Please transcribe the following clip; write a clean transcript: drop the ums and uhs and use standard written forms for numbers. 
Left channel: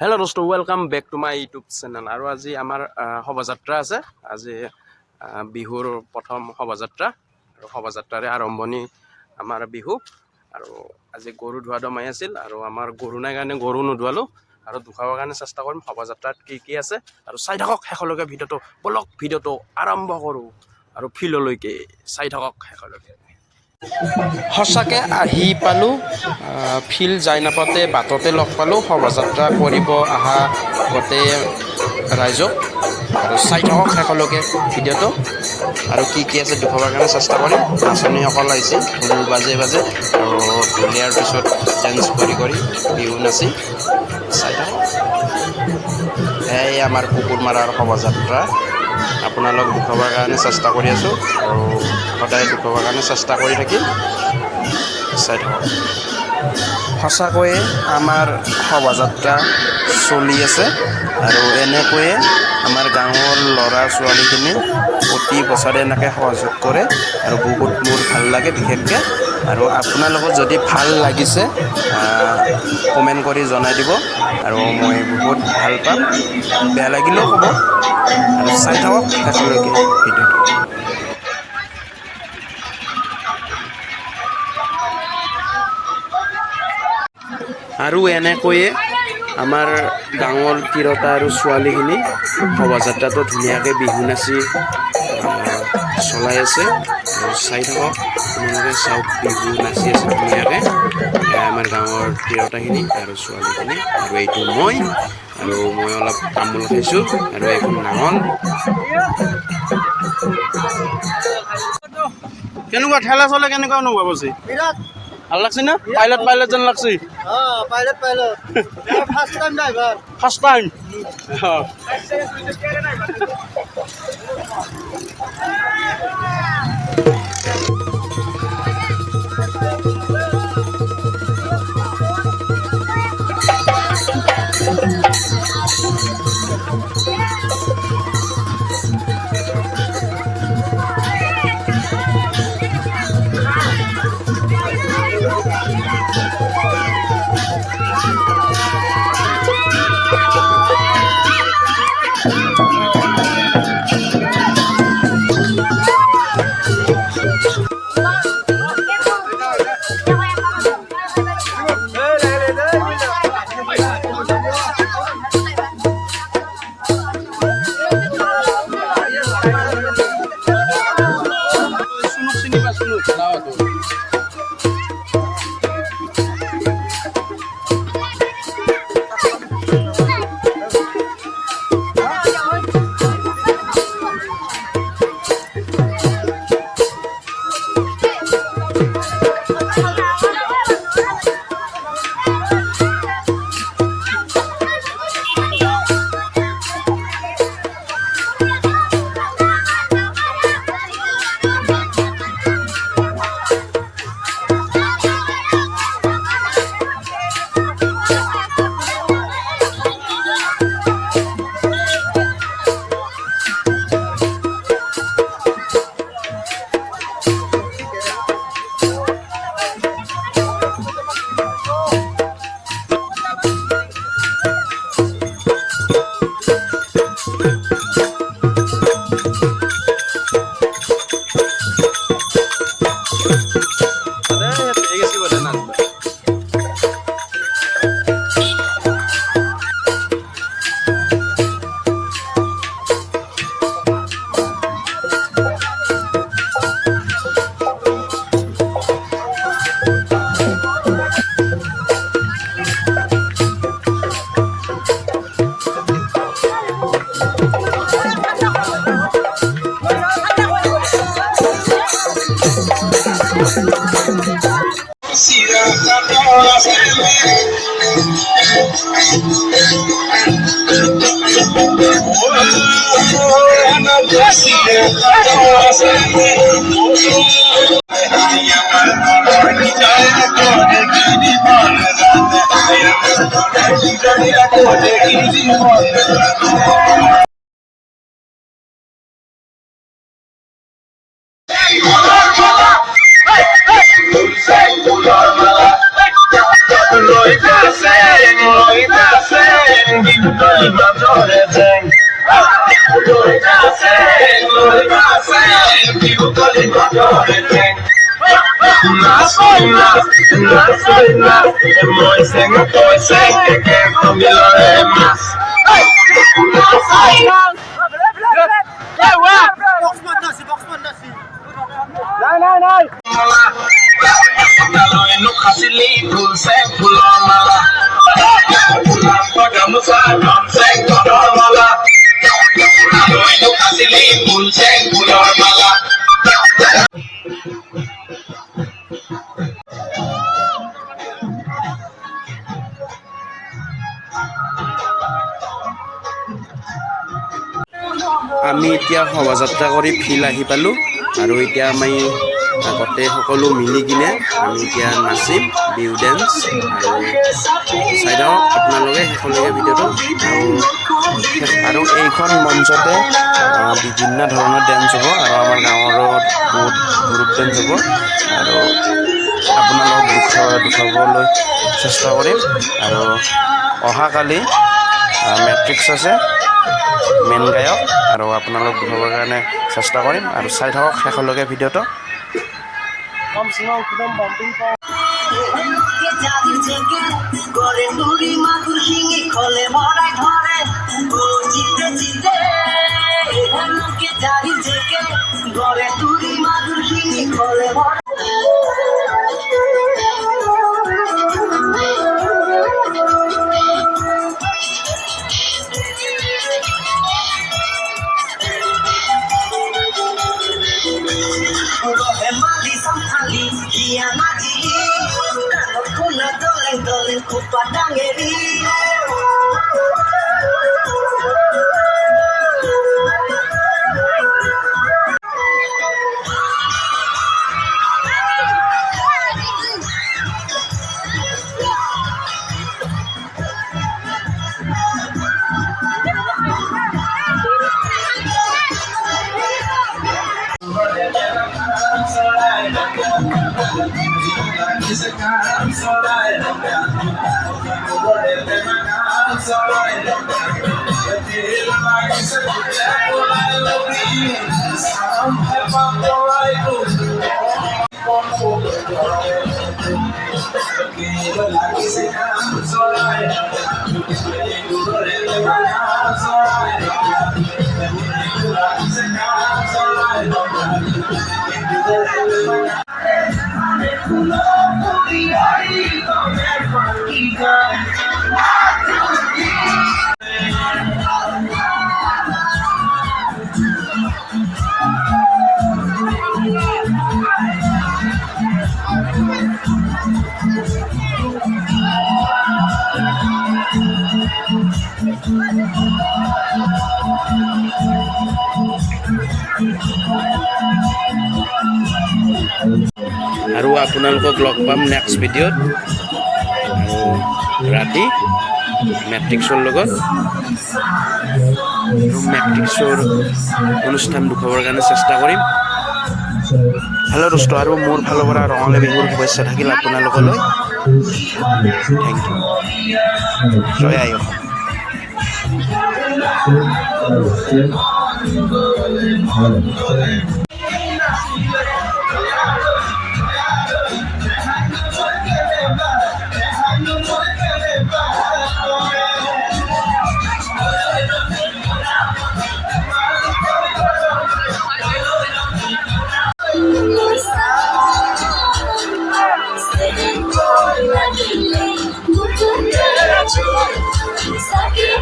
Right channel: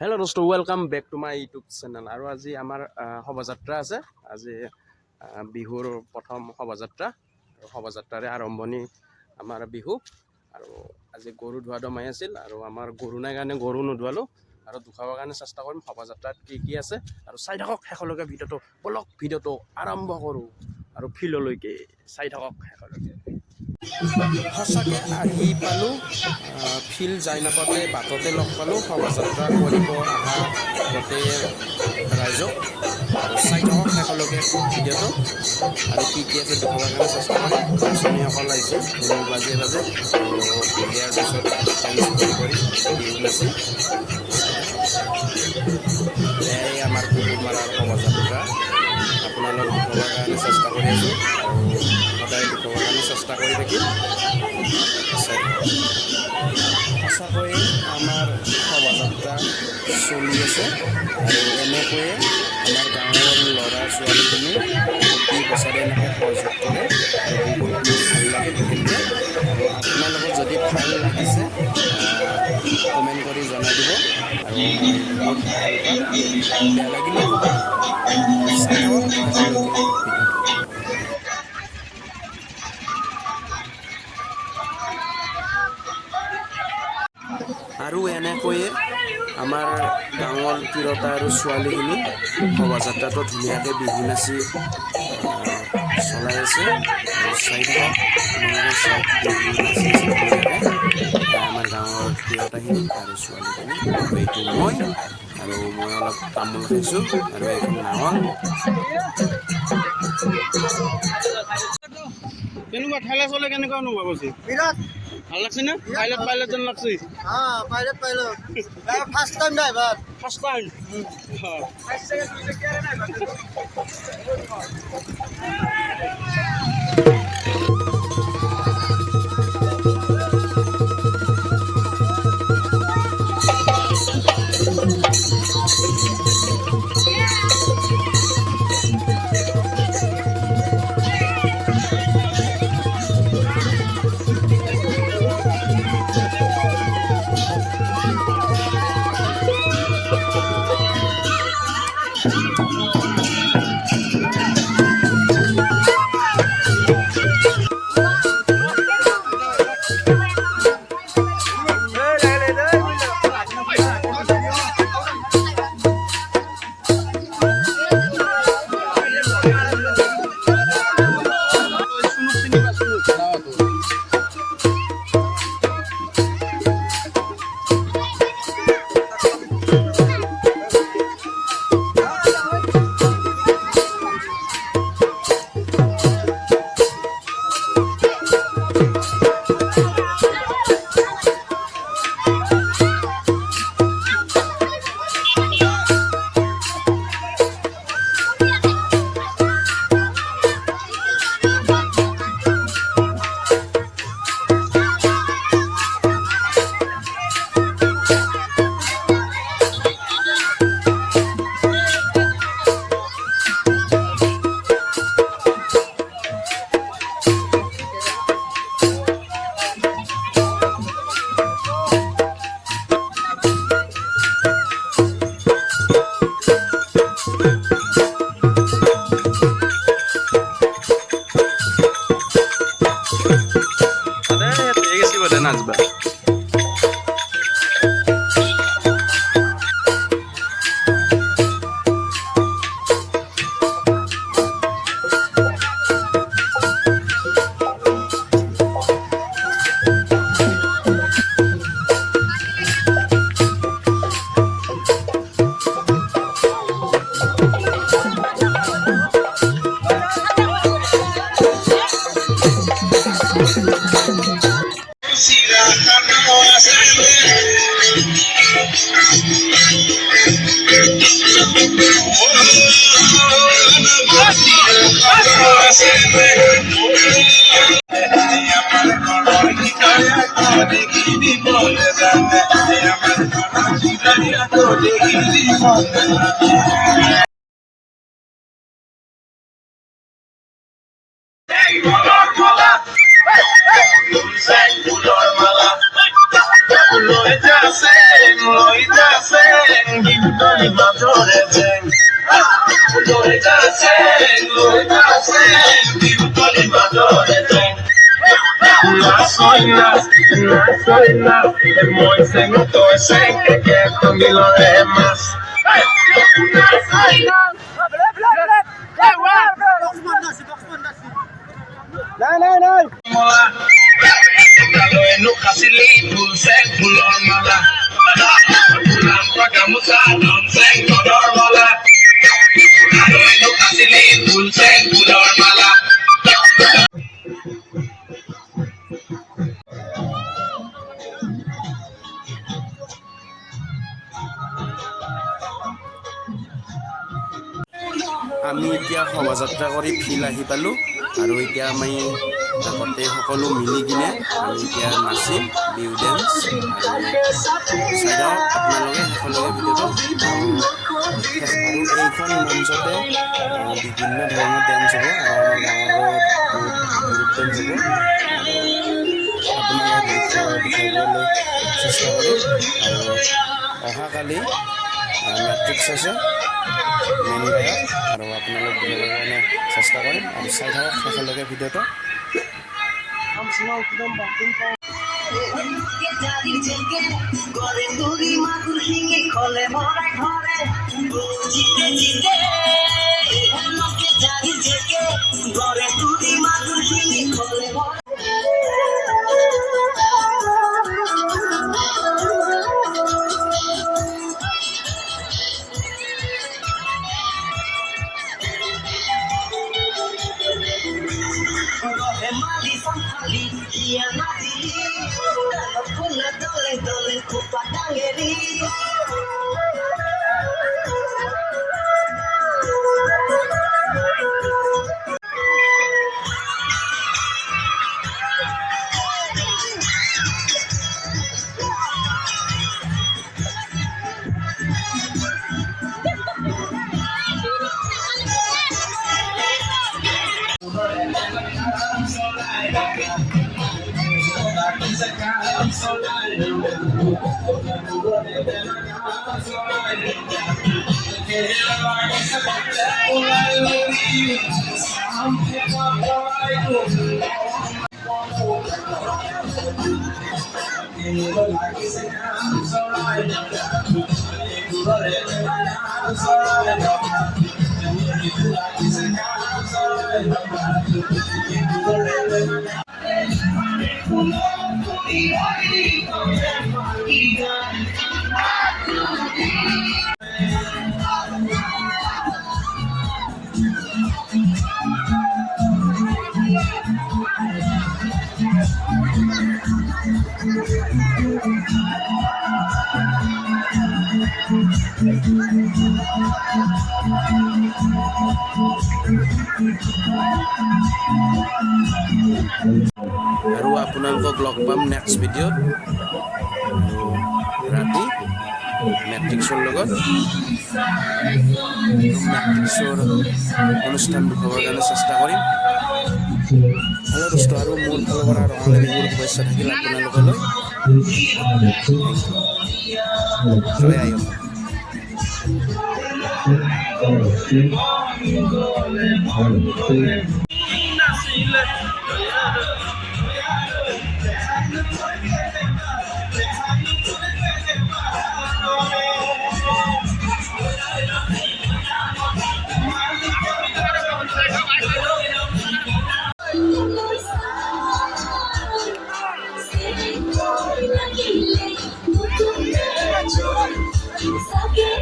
Hello' দোস্ত, welcome back to my YouTube channel. আৰু আজি আমাৰ শোভাযাত্ৰা আছে। আজি বিহুৰ প্ৰথম শোভাযাত্ৰা আৰু শোভাযাত্ৰাৰে আৰম্ভণি আমাৰ বিহু। আৰু আজি গৰু ধোৱা দমাই আছিল আৰু আমাৰ গৰু নাই কাৰণে গৰু নোধোৱালোঁ আৰু ধুৱাবৰ কাৰণে চেষ্টা কৰিম। শোভাযাত্ৰাত কি আছে আৰু চাই থাকক শেষলৈকে ভিডিঅ'টো। বলক ভিডিঅ'টো আৰম্ভ কৰোঁ আৰু ফিল্ডলৈকে চাই থাকক শেষলৈকে। সঁচাকৈ আহি পালোঁ, ফিল্ড যাই নাপাওঁতে বাটতে লগ পালোঁ শোভাযাত্ৰা কৰিব অহা গোটেই ৰাইজক। আৰু চাই থাকক শেষলৈকে ভিডিঅ'টো আৰু কি আছে দেখুৱাবৰ কাৰণে চেষ্টা কৰিম। নাচনীসকল আহিছে ঢোল বাজে বাজে আৰু ঢুলীয়াৰ পিছত ডেন্স কৰি বিহু নাচি চাই থাকক। এয়াই আমাৰ কুকুৰমাৰাৰ শোভাযাত্ৰা। আপোনালোক দেখুৱাবৰ কাৰণে চেষ্টা কৰি আছোঁ আৰু সদায় দেখুৱাবৰ কাৰণে চেষ্টা কৰি থাকিম। চাই থাকক। সঁচাকৈয়ে আমাৰ শোভাযাত্ৰা চলি আছে আৰু এনেকৈয়ে আমাৰ গাঁৱৰ ল'ৰা ছোৱালীখিনি প্ৰতি বছৰে এনেকৈ সহযোগ কৰে আৰু বহুত মোৰ ভাল লাগে বিশেষকৈ। আৰু আপোনালোকৰ যদি ভাল লাগিছে কমেণ্ট কৰি জনাই দিব আৰু মই বহুত ভাল পাম। বেয়া লাগিলেও ক'ব আৰু চাই থাকক শেষলৈকে ভিডিঅ'টো। আৰু এনেকৈয়ে আমাৰ গাঁৱৰ তিৰোতা আৰু ছোৱালীখিনি শোভাযাত্ৰাটো ধুনীয়াকৈ বিহু নাচি চলাই আছে আৰু চাই থাকক আপোনালোকে। চাওক বিহু নাচি আছে ধুনীয়াকৈ আমাৰ গাঁৱৰ তিৰোতাখিনি আৰু ছোৱালীখিনি। আৰু এইটো মই অলপ তামোল খাইছোঁ আৰু এইখন নাঙল। কেনেকুৱা ঠেলা চলে, কেনেকুৱা অনুভৱ হৈছে? ভাল লাগছে না? পাইলট যেন লাগছে। Pilot first time driver. First time. আমি এতিয়া শোভাযাত্ৰা কৰি ফিল্ড আহি পালোঁ আৰু এতিয়া আমি গোটেই সকলো মিলি কিনে আমি এতিয়া নাচিম বিহু ডেন্স আৰু চাই থাকক আপোনালোকে শেষলৈকে ভিডিঅ'টো আৰু এইখন মঞ্চতে বিভিন্ন ধৰণৰ ডেন্স হ'ব আৰু আমাৰ গাঁৱৰো বহুত গ্ৰুপ ডেন্স হ'ব আৰু আপোনালোকক দেখুৱাবলৈ চেষ্টা কৰিম আৰু অহাকালি মেট্ৰিক্স আছে মেইন গায়ক আৰু আপোনালোক দেখাবৰ কাৰণে চেষ্টা কৰিম আৰু চাই থাকক শেষলৈকে ভিডিঅ'টো আৰু আপোনালোকক লগ পাম নেক্সট ভিডিঅ'ত ৰাতি মেট্ৰিক্সৰ লগত মেট্ৰিক্সৰ অনুষ্ঠান দেখুৱাবৰ কাৰণে চেষ্টা কৰিম হেল্ল' দোস্ত আৰু মোৰ ফালৰ পৰা ৰঙালী বিহুৰ শুভেচ্ছা থাকিল আপোনালোকলৈ থেংক ইউ জয় আই Sakit